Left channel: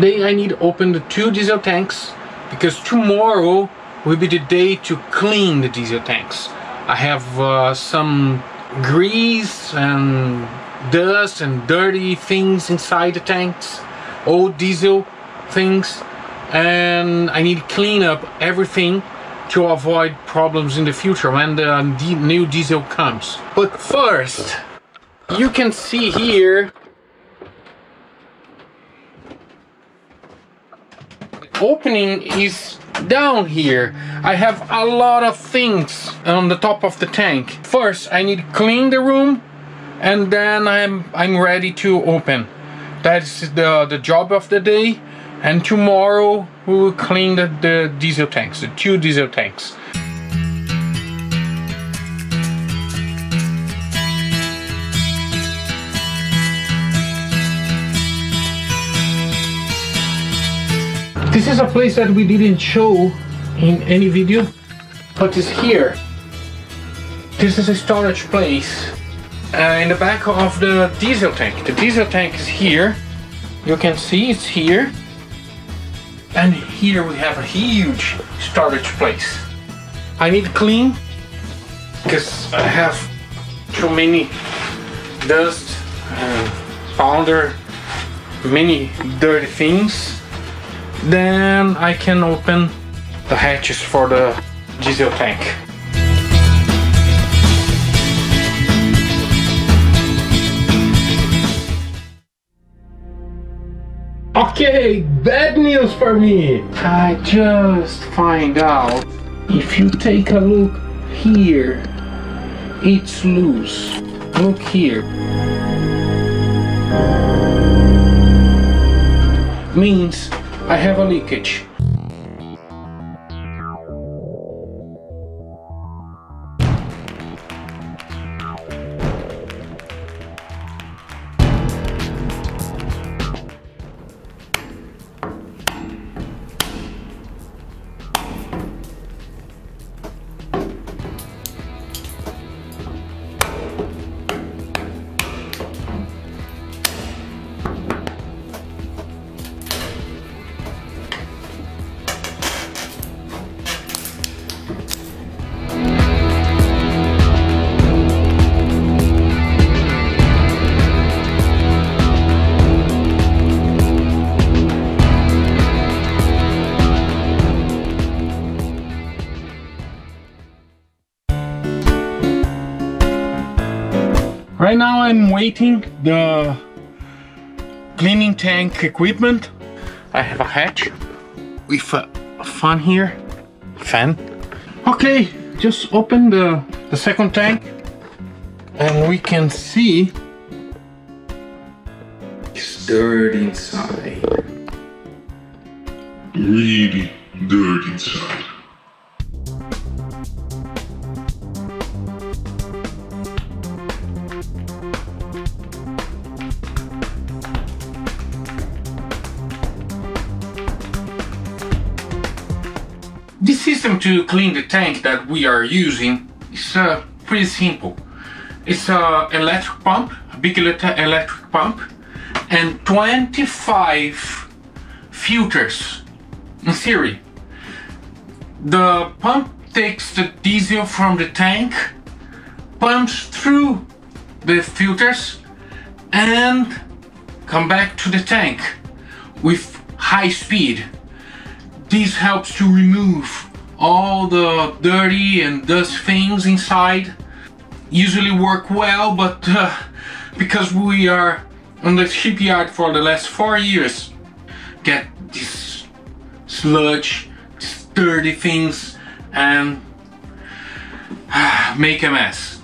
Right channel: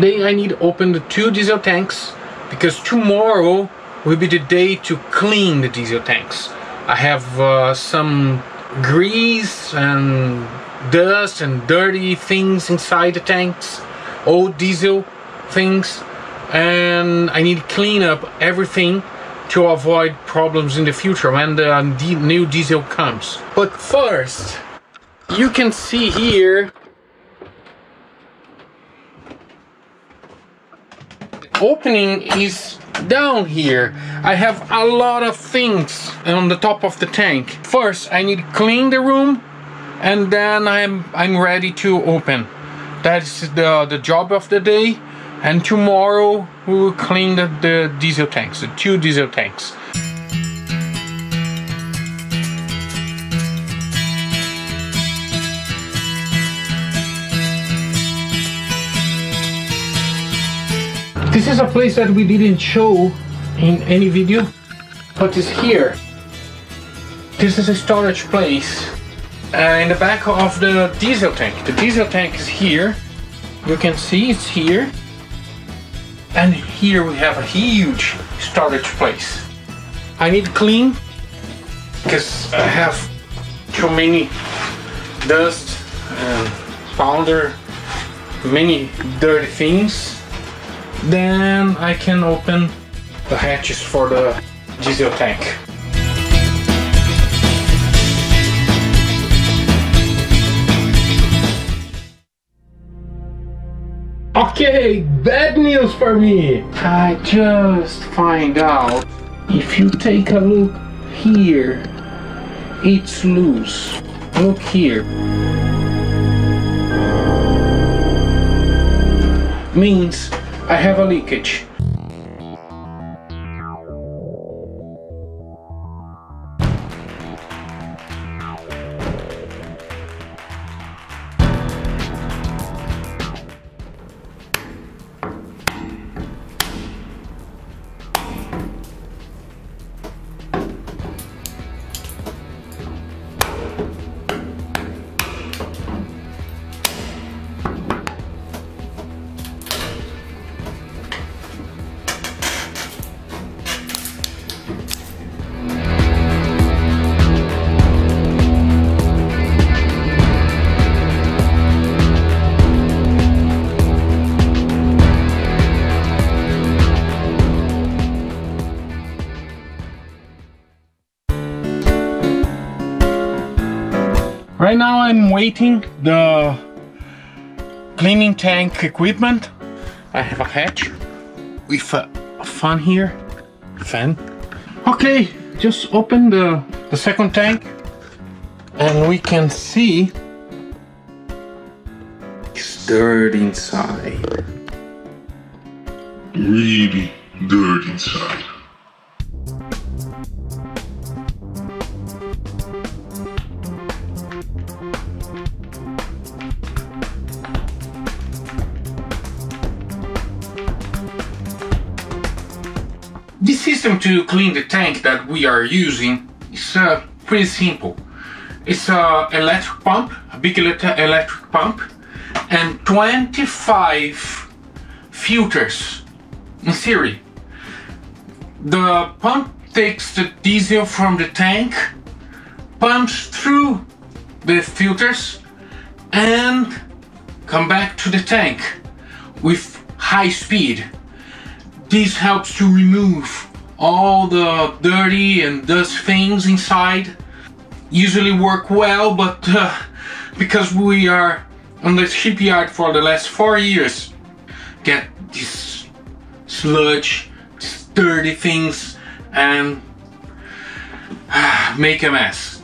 Today I need to open the 2 diesel tanks because tomorrow will be the day to clean the diesel tanks. I have some grease and dust and dirty things inside the tanks, old diesel things, and I need to clean up everything to avoid problems in the future when the new diesel comes. But first, you can see here opening is down here. I have a lot of things on the top of the tank. First I need to clean the room and then I'm ready to open. That's the job of the day, and tomorrow we will clean the diesel tanks, the 2 diesel tanks. This is a place that we didn't show in any video, but it's here. This is a storage place in the back of the diesel tank. The diesel tank is here. You can see it's here. And here we have a huge storage place. I need to clean because I have too many dust and powder, many dirty things. Then I can open the hatches for the diesel tank. Okay, bad news for me. I just find out if you take a look here, it's loose. Look here. Means I have a leakage. Right now I'm waiting the cleaning tank equipment. I have a hatch with a fan here. Okay, just open the second tank and we can see it's dirty inside. Really dirty inside. This system to clean the tank that we are using is pretty simple. It's an electric pump, a big electric pump, and 25 filters in series. The pump takes the diesel from the tank, pumps through the filters, and come back to the tank with high speed. This helps to remove all the dirty and dust things inside. Usually work well, but because we are on the shipyard for the last 4 years, get this sludge, these dirty things, and make a mess.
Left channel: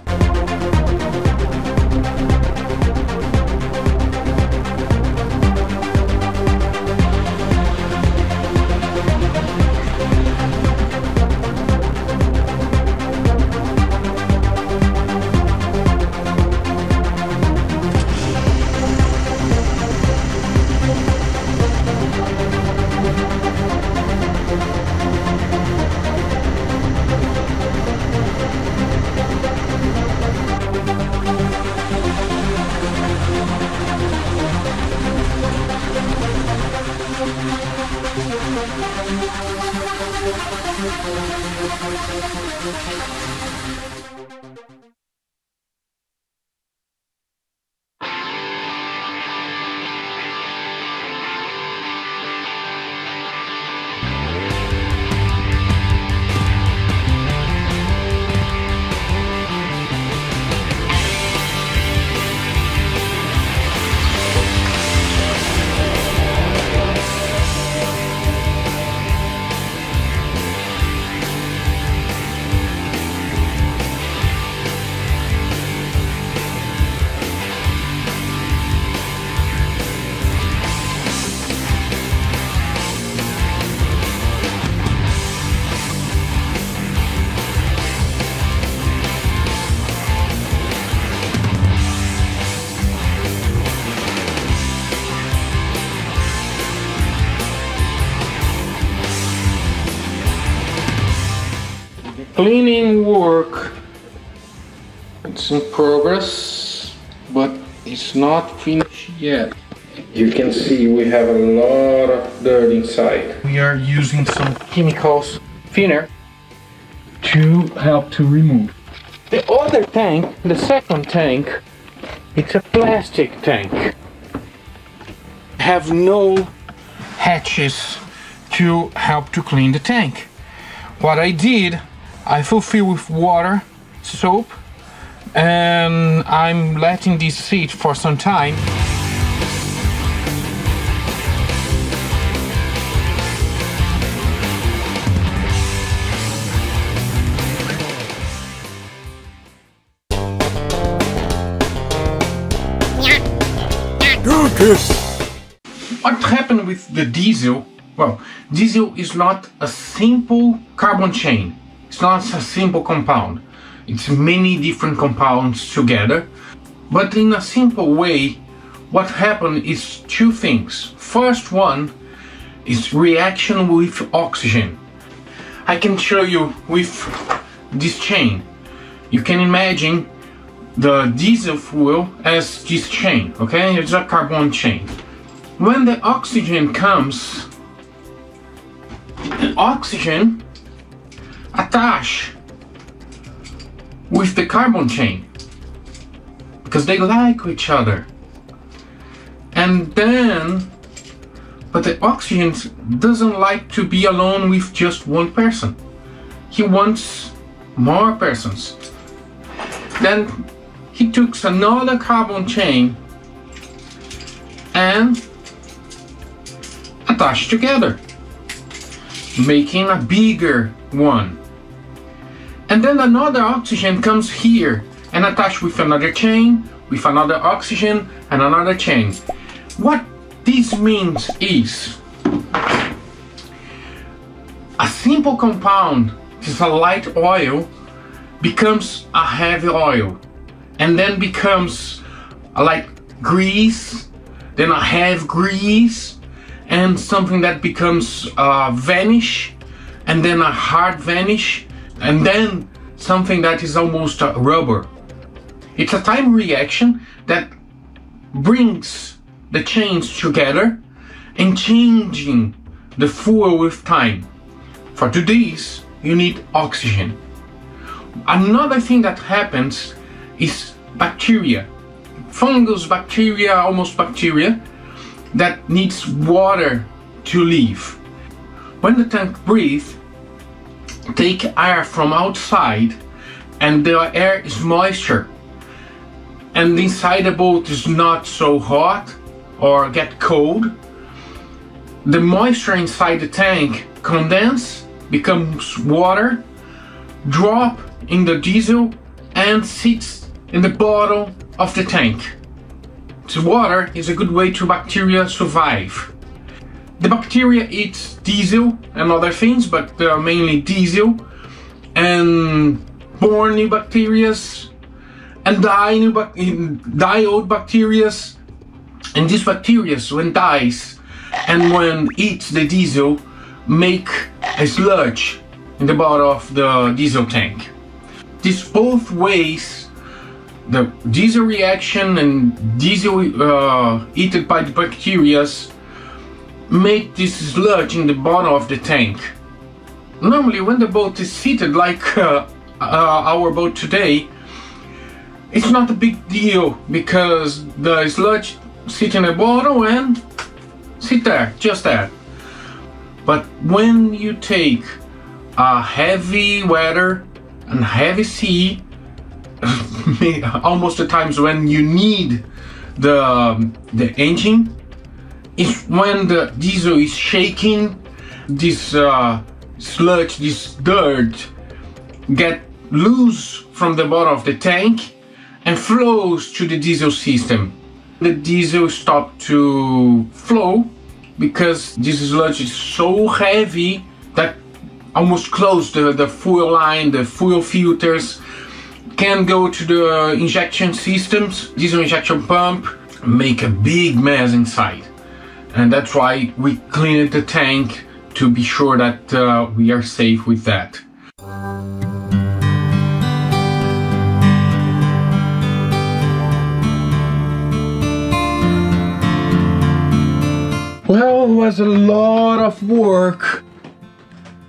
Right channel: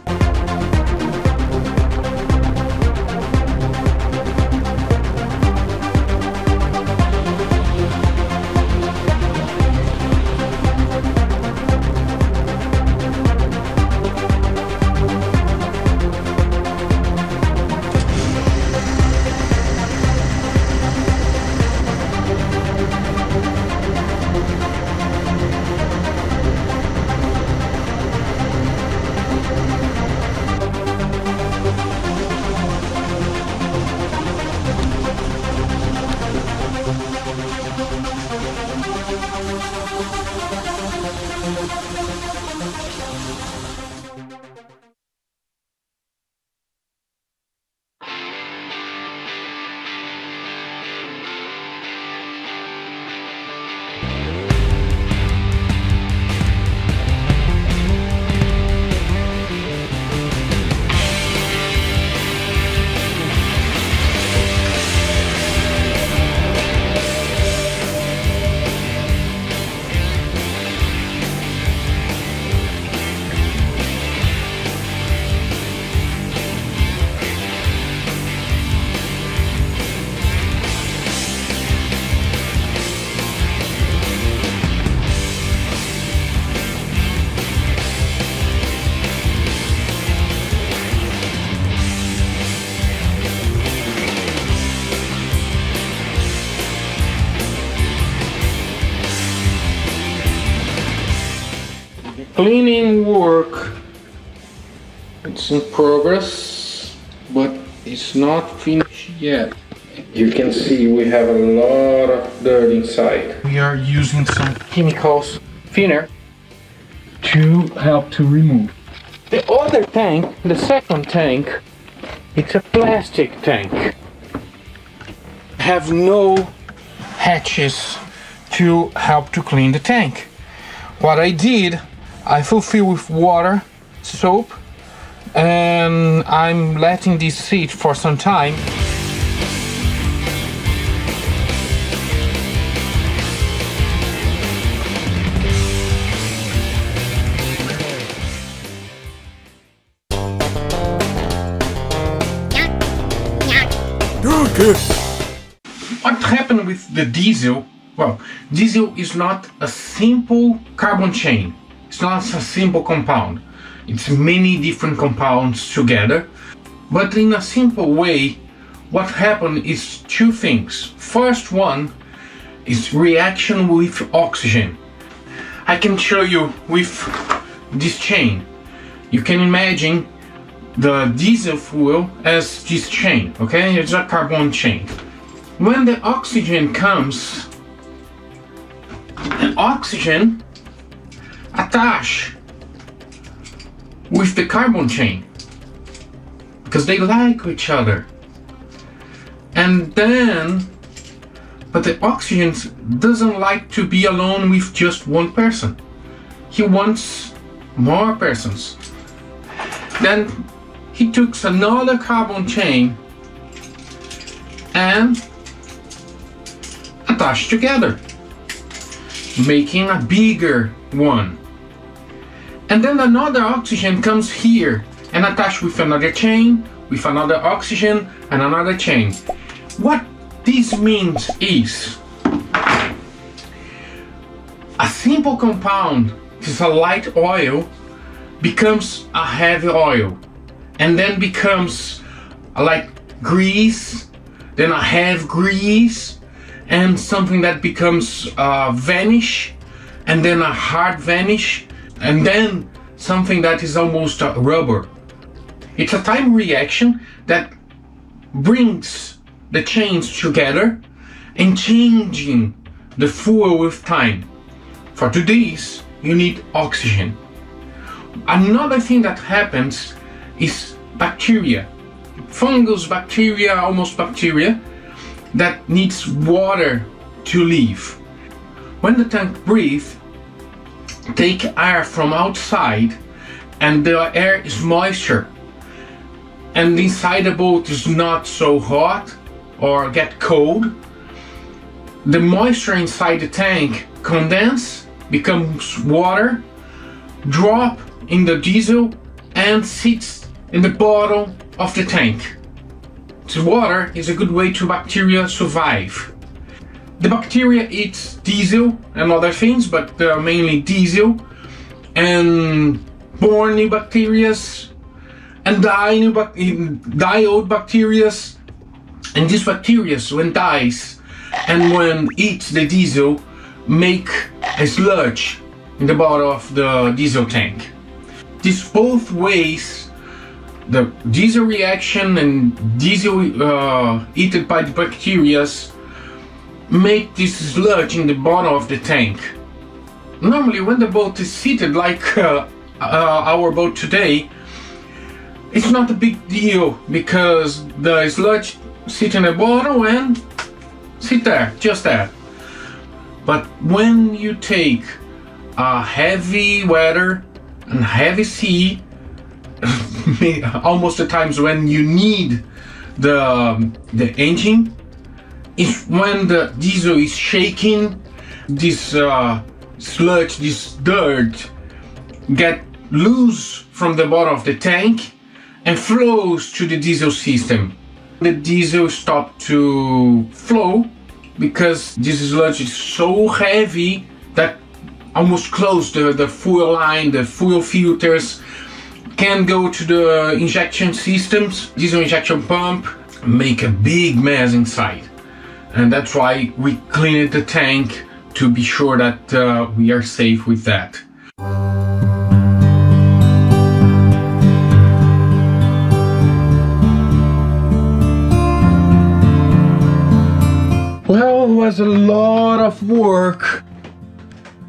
Cleaning work, it's in progress, but it's not finished yet. You can see we have a lot of dirt inside. We are using some chemicals thinner to help to remove. The other tank, the second tank, it's a plastic tank. Have no hatches to help to clean the tank. What I did, I fulfill with water, soap, and I'm letting this sit for some time. What happened with the diesel? Well, diesel is not a simple carbon chain. It's not a simple compound. It's many different compounds together. But in a simple way, what happened is two things. First one is reaction with oxygen. I can show you with this chain. You can imagine the diesel fuel as this chain, okay? It's a carbon chain. When the oxygen comes, the oxygen attach with the carbon chain because they like each other. And then, but the oxygen doesn't like to be alone with just one person. He wants more persons. Then he took another carbon chain and attached together, making a bigger one. And then another oxygen comes here and attached with another chain, with another oxygen and another chain. What this means is a simple compound, is a light oil, becomes a heavy oil, and then becomes a light grease, then a heavy grease, and something that becomes vanish, and then a hard vanish, and then something that is almost a rubber. It's a time reaction that brings the chains together and changing the fuel with time. For do this, you need oxygen. Another thing that happens is bacteria, fungus, bacteria, almost bacteria, that needs water to live. When the tank breathes, take air from outside, and the air is moisture, and inside the boat is not so hot or get cold. The moisture inside the tank condense, becomes water, drop in the diesel and sits in the bottom of the tank. The water is a good way to bacteria survive. The bacteria eats diesel and other things, but mainly diesel, and born new bacteria and die old bacteria. And these bacteria, when dies and when eats the diesel, make a sludge in the bottom of the diesel tank. This both ways, the diesel reaction and diesel eaten by the bacteria, make this sludge in the bottom of the tank. Normally when the boat is seated like our boat today, it's not a big deal because the sludge sits in the bottom and sit there, just there. But when you take a heavy weather and heavy sea, almost the times when you need the engine, is when the diesel is shaking, this sludge, this dirt get loose from the bottom of the tank and flows to the diesel system. The diesel stops to flow because this sludge is so heavy that almost close the fuel line, the fuel filters, can go to the injection systems, diesel injection pump, make a big mess inside. And that's why we cleaned the tank to be sure that we are safe with that. was a lot of work.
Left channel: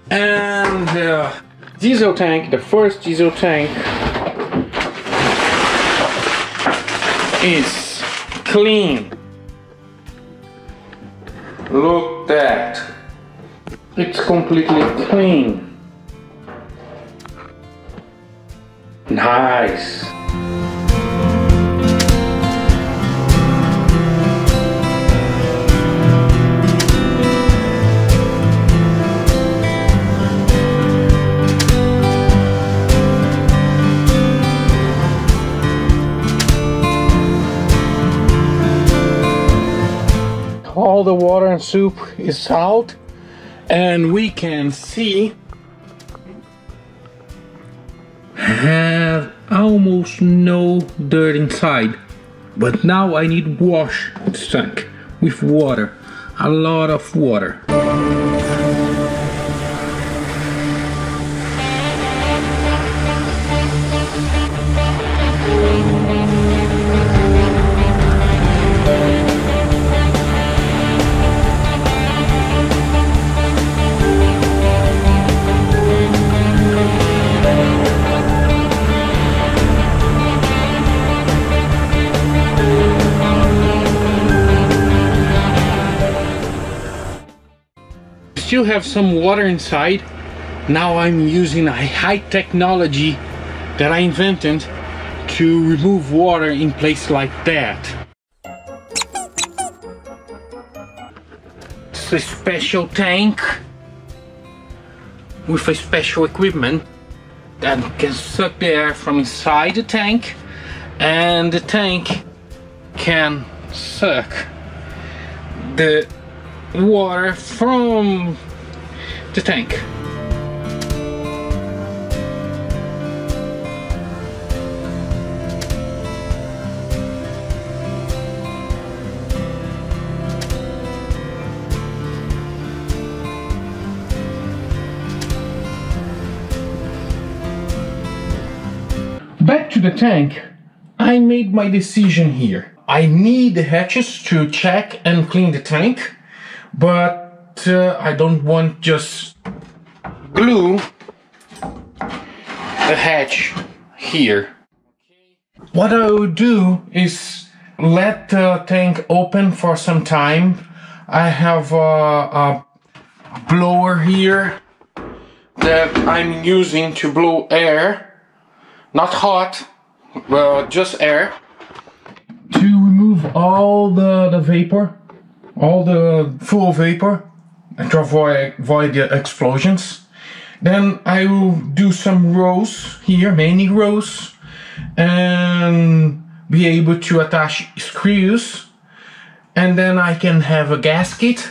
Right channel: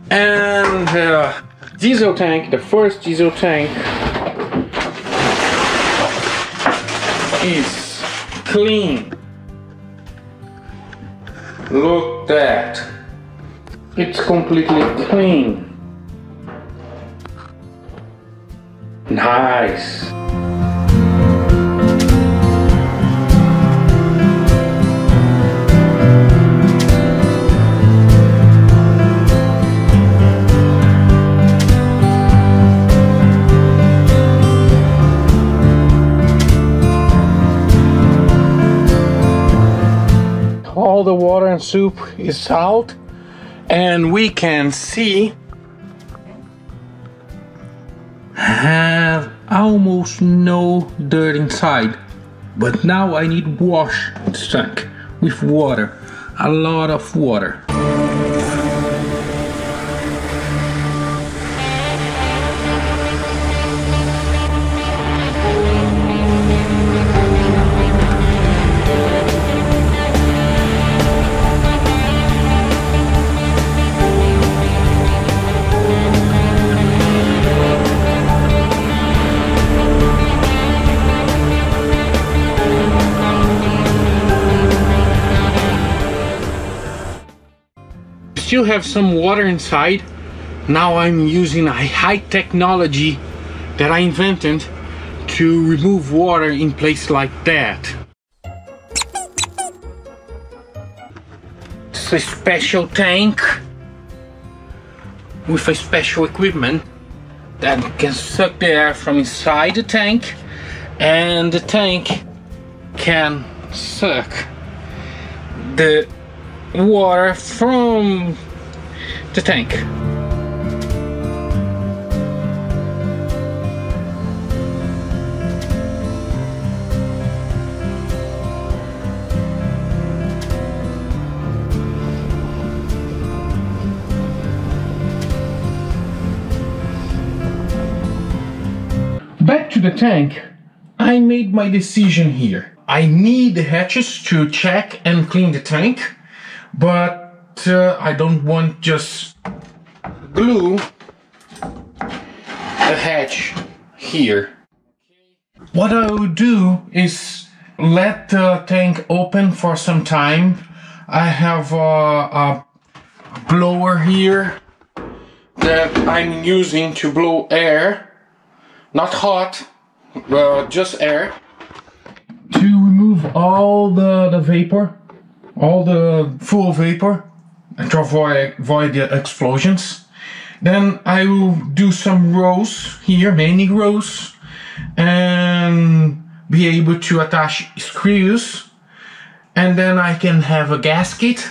And the diesel tank, the first diesel tank, is clean. Look at that. It's completely clean. Nice. All the water and soup is out, and we can see have almost no dirt inside. But now I need wash this tank with water, a lot of water. Still have some water inside. Now I'm using a high technology that I invented to remove water in place like that. It's a special tank with a special equipment that can suck the air from inside the tank, and the tank can suck the water from the tank. Back to the tank, I made my decision here. I need the hatches to check and clean the tank, but I don't want just glue the hatch here. What I will do is let the tank open for some time. I have a blower here that I'm using to blow air, not hot, but just air, to remove all the vapor, all the full vapor, and to avoid the explosions. Then I will do some rows here, many rows, and be able to attach screws, and then I can have a gasket,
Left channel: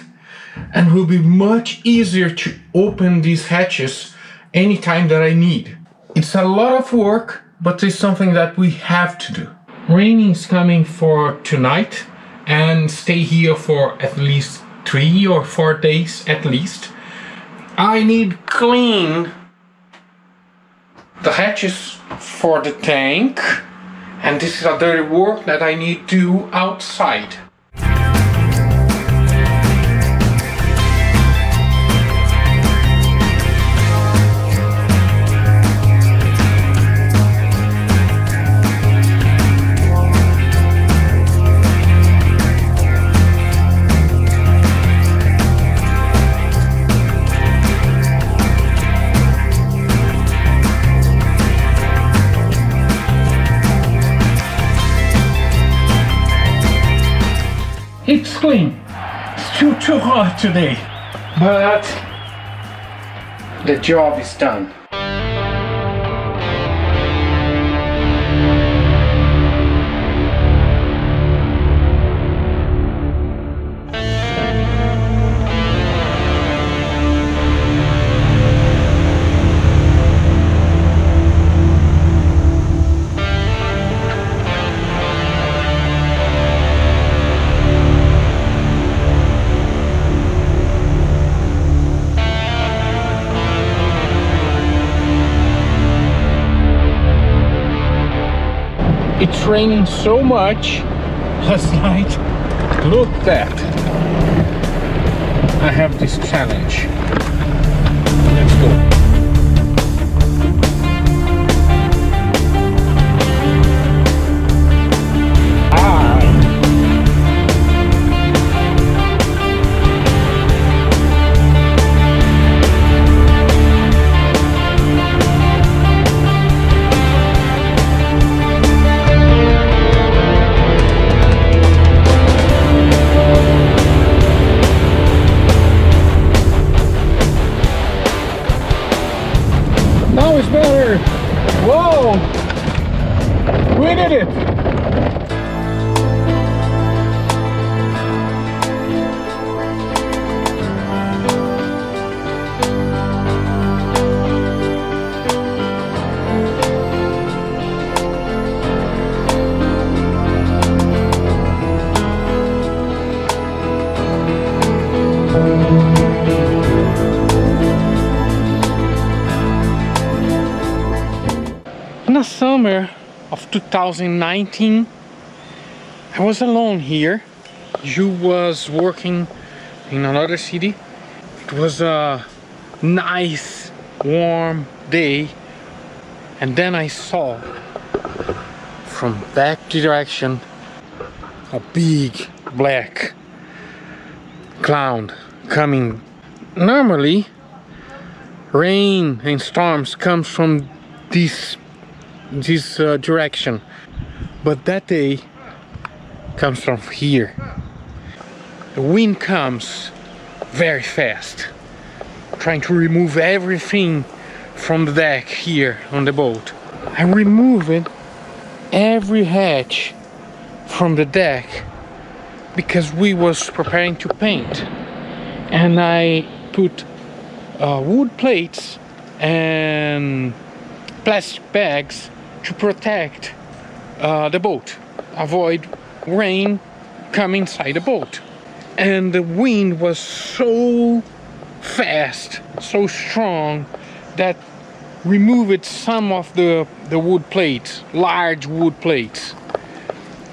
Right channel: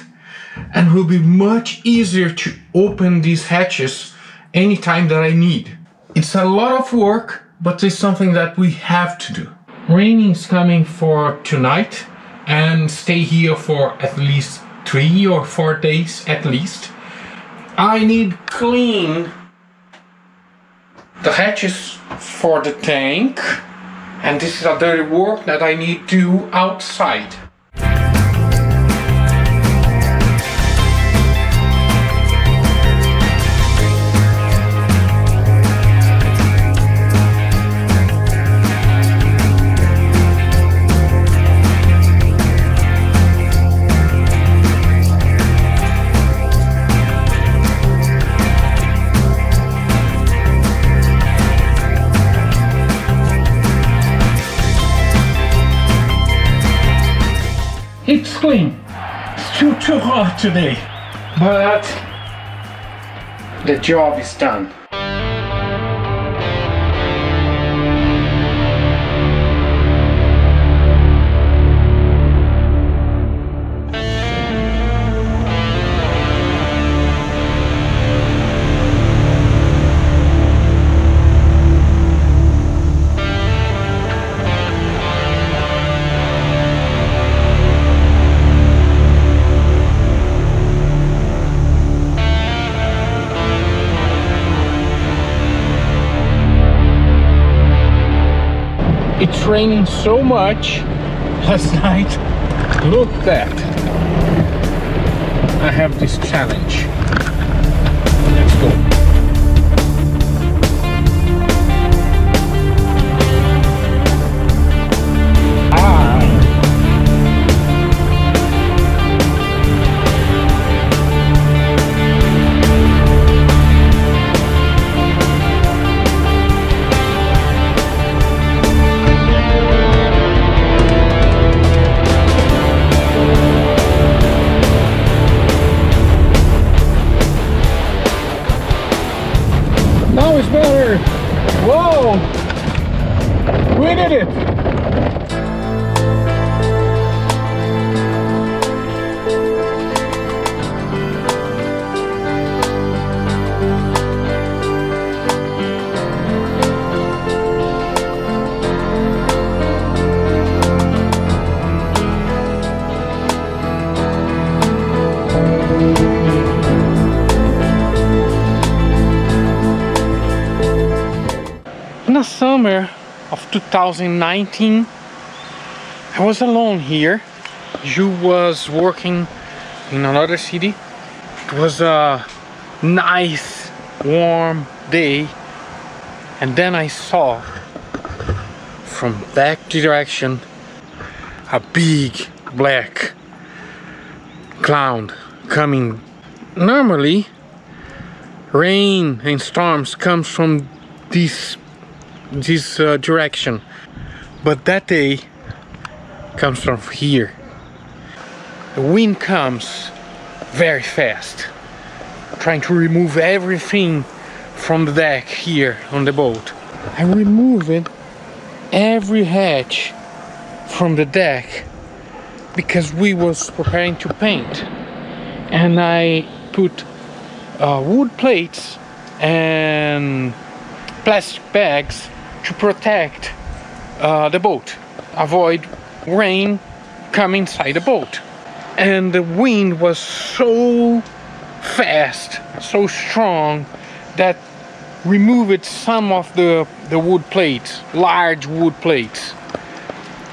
and it will be much easier to open these hatches anytime that I need. It's a lot of work, but it's something that we have to do. Rain is coming for tonight and stay here for at least 3 or 4 days at least. I need clean the hatches for the tank, and this is a dirty work that I need to do outside. It's clean. It's too hot today, but the job is done. It's raining so much last night. Look at that. I have this challenge. Let's go. Now it's better. Whoa! We did it! In the summer of 2019, I was alone here. Ju was working in another city. It was a nice, warm day. And then I saw from that direction a big black cloud coming. Normally, rain and storms comes from this direction, but that day comes from here. The wind comes very fast, trying to remove everything from the deck here on the boat. I removed every hatch from the deck because we was preparing to paint, and I put wood plates and plastic bags to protect the boat, avoid rain coming inside the boat. And the wind was so fast, so strong, that removed some of the wood plates, large wood plates.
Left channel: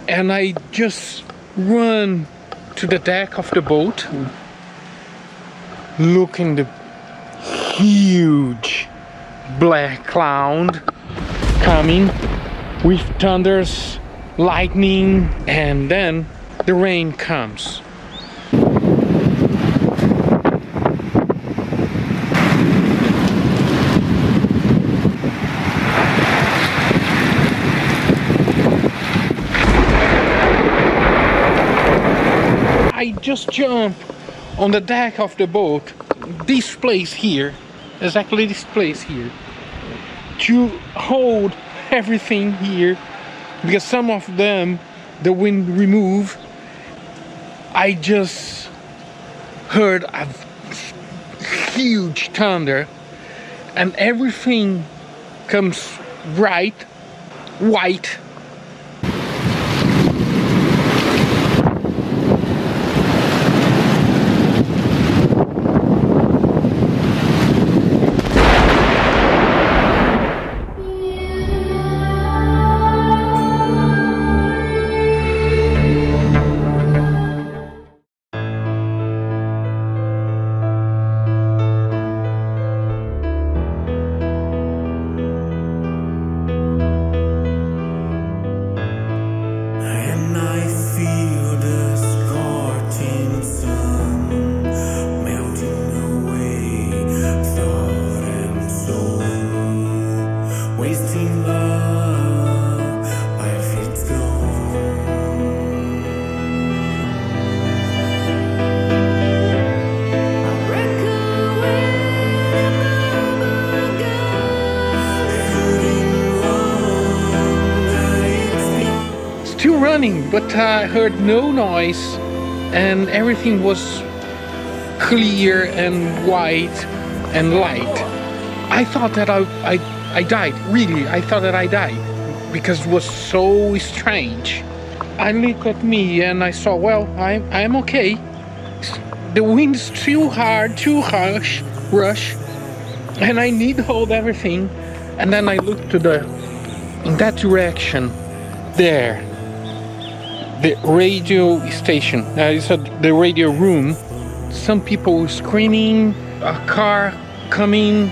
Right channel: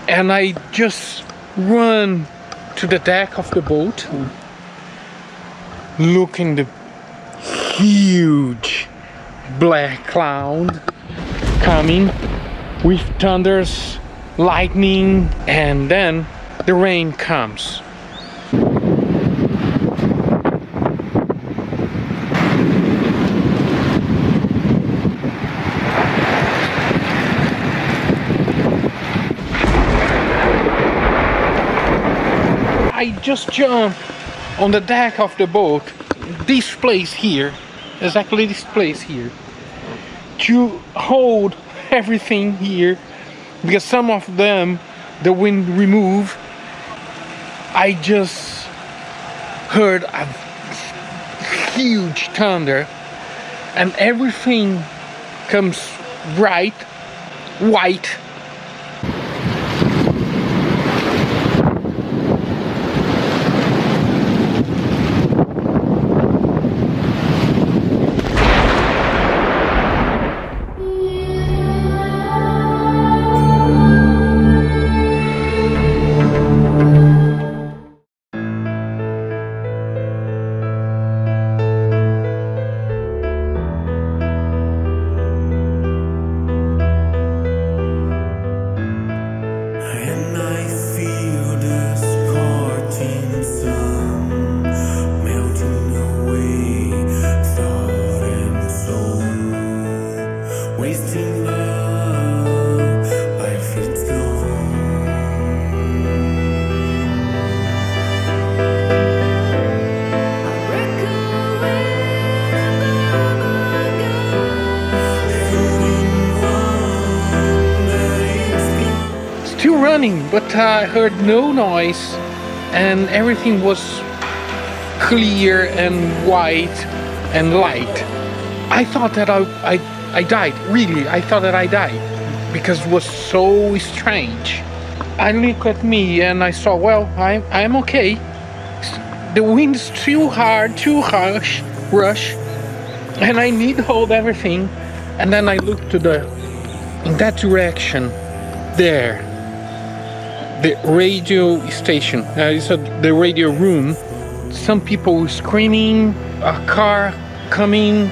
And I just run to the deck of the boat, looking the huge black cloud coming with thunders, lightning, and then the rain comes. I just jump on the deck of the boat, this place here, exactly this place here, to hold everything here, because some of them the wind remove. I just heard a huge thunder, and everything comes bright white. And I feel the scorching sun melting away thought and soul, wasting love, life it's gone. I break away the bubble gum, Shooting one, but it's gone. Still running, but I heard no noise, and everything was clear and white and light. I thought that I died, really. I thought that I died because it was so strange. I looked at me and I saw, well, I'm okay. The wind's too hard, too harsh, rush, and I need to hold everything. And then I looked in that direction, there. The radio station, the radio room, some people screaming, a car coming.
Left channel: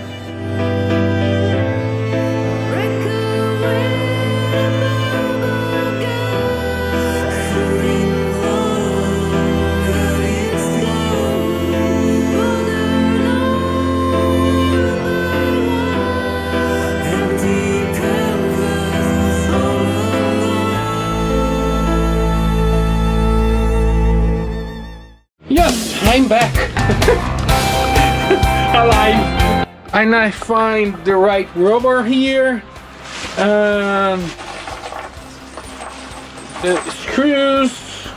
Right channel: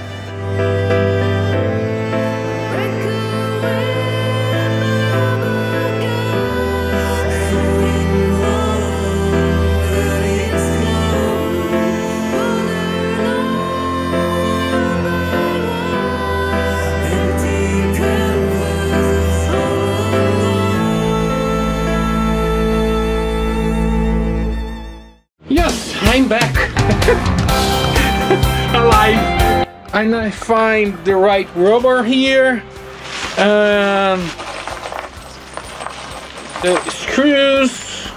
Yes, I'm back. Alive. And I find the right rubber here. The screws.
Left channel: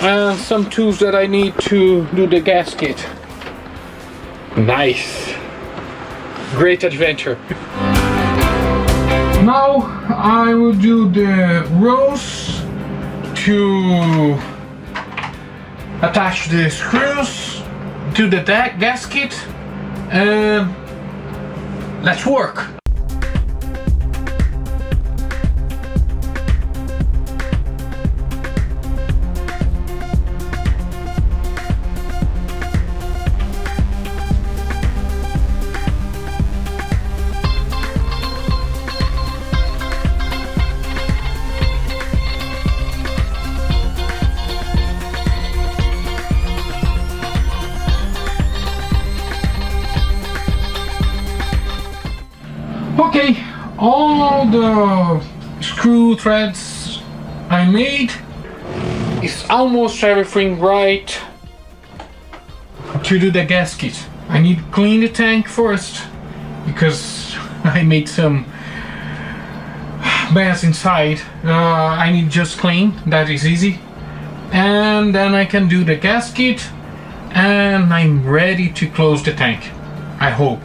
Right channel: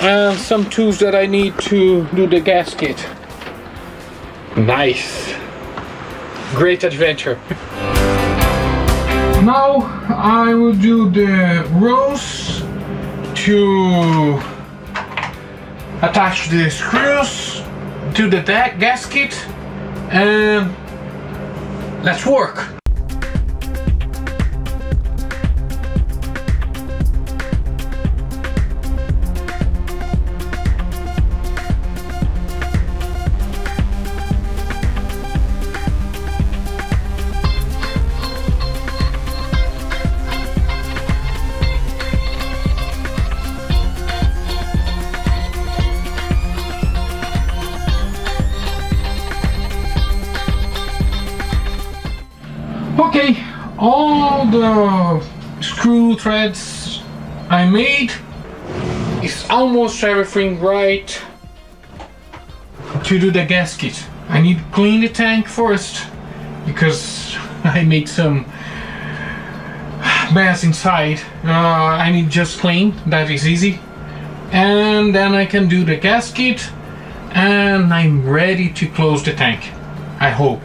And some tools that I need to do the gasket. Nice. Great adventure. Now I will do the rows to attach the screws to the gasket, and let's work. Okay, all the screw threads I made, is almost everything right to do the gasket. I need to clean the tank first because I made some mess inside. I need just clean, that is easy. And then I can do the gasket and I'm ready to close the tank, I hope.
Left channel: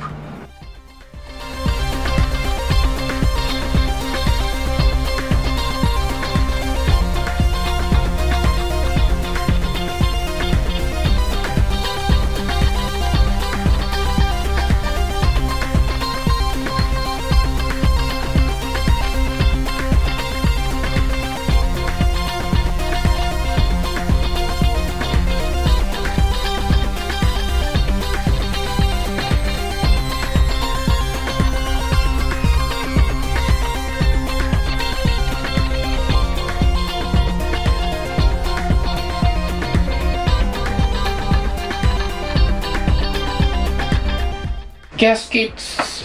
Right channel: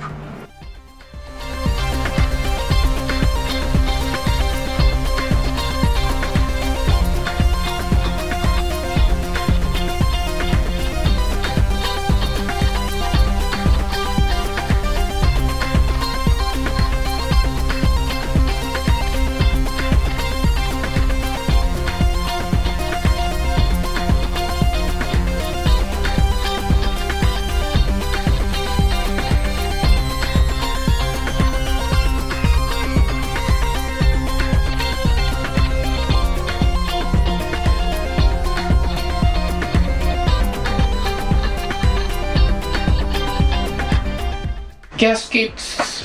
Gasket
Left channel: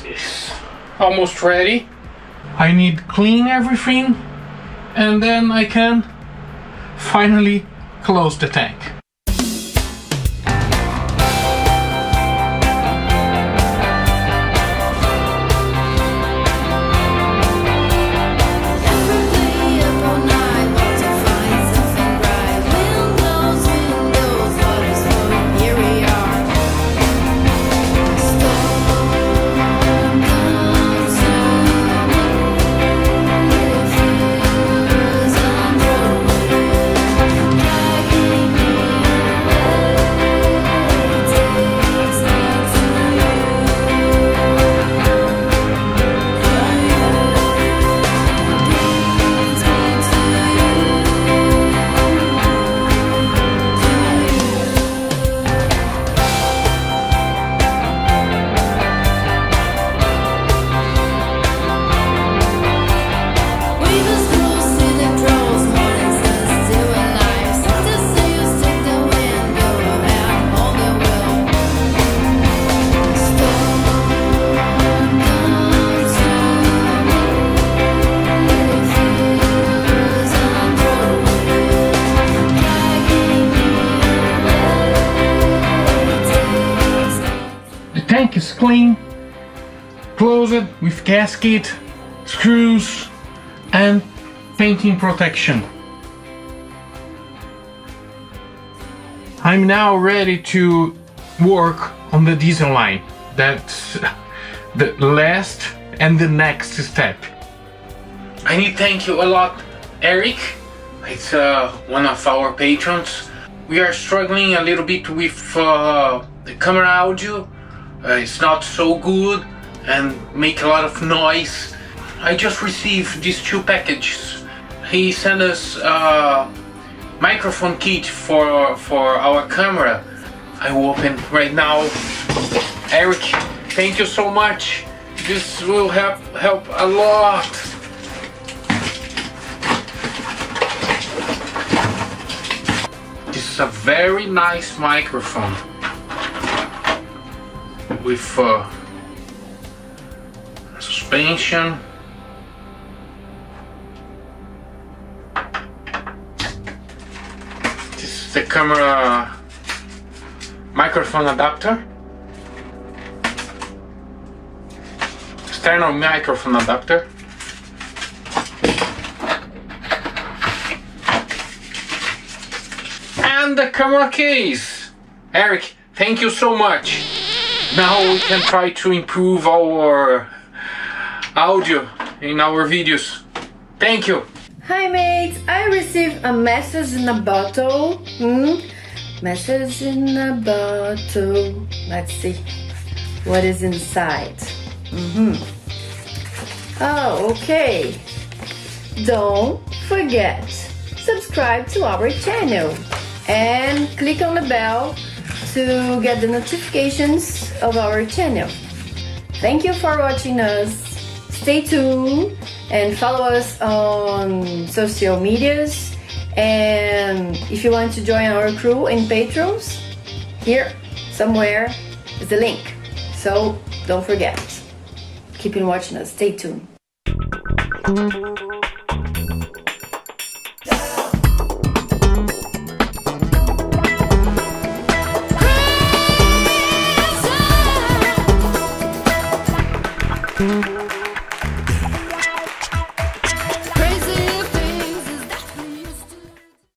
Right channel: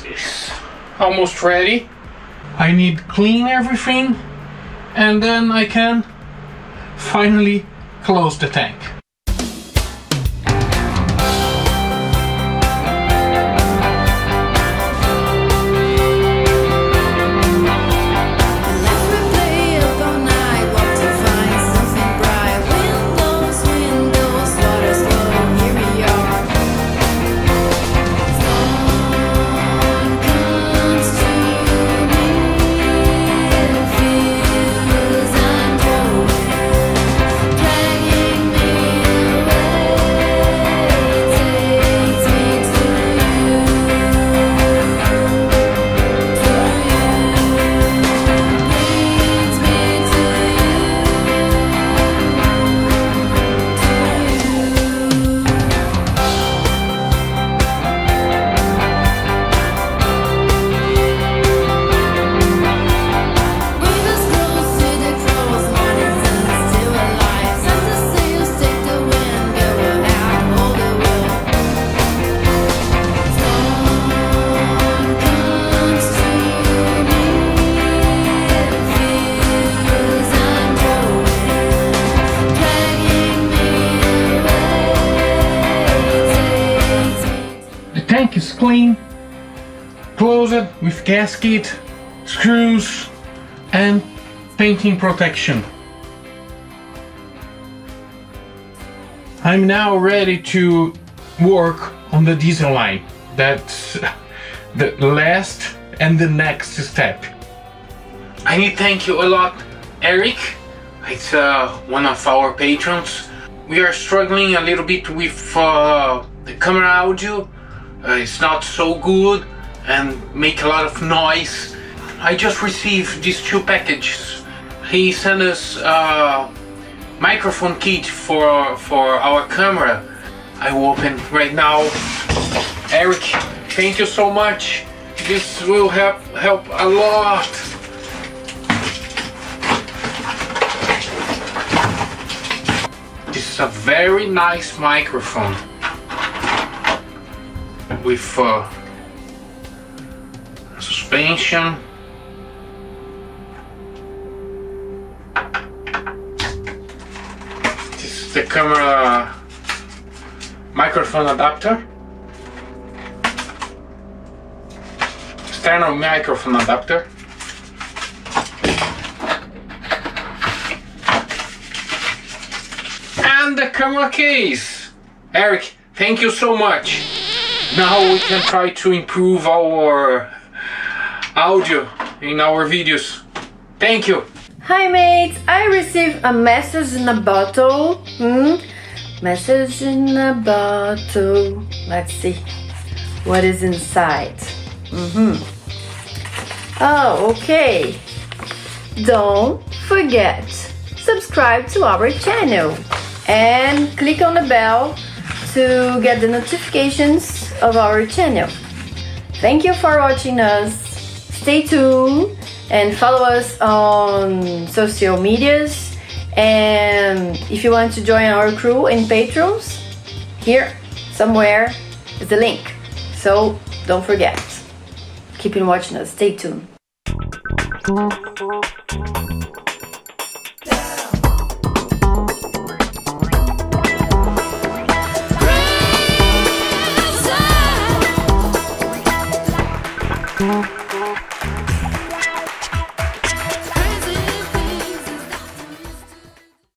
is almost ready. I need to clean everything and then I can finally close the tank. Tank is clean, close it with gasket, screws and painting protection. I'm now ready to work on the diesel line. That's the last and the next step. I need to thank you a lot, Eric. It's one of our patrons. We are struggling a little bit with the camera audio. It's not so good and make a lot of noise. I just received these two packages. He sent us microphone kit for our camera. I will open right now. Eric, thank you so much. This will help a lot. This is a very nice microphone with suspension. This is the camera microphone adapter. External microphone adapter. And the camera case. Eric, thank you so much. Now we can try to improve our audio in our videos. Thank you. Hi mates, I received a message in a bottle. Message in a bottle. Let's see what is inside. Oh, okay. Don't forget, subscribe to our channel and click on the bell to get the notifications of our channel. Thank you for watching us. Stay tuned and follow us on social medias. And if you want to join our crew in Patrons, here somewhere is the link. So don't forget. Keep on watching us. Stay tuned.